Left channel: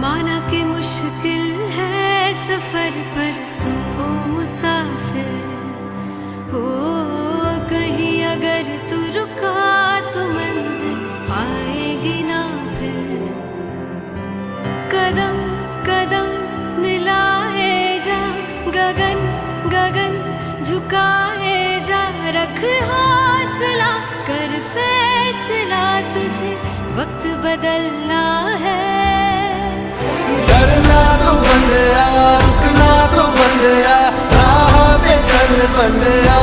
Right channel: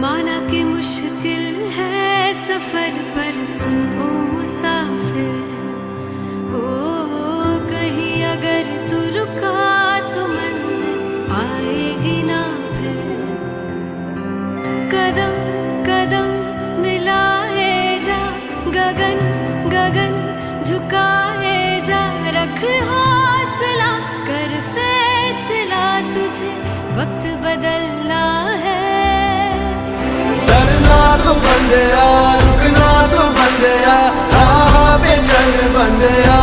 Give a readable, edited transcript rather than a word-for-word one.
माना कि मुश्किल है सफर पर सुन ओ मुसाफिर, हो कहीं अगर तू रुका तो मंजिल आएगी ना फिर। कदम कदम मिलाए जा, गगन गगन झुकाए जा, रख हौसला कर फैसला, तुझे वक्त बदलना है। डरना तो बंदया, रुकना तो बंदया, राह पे चल बंदया,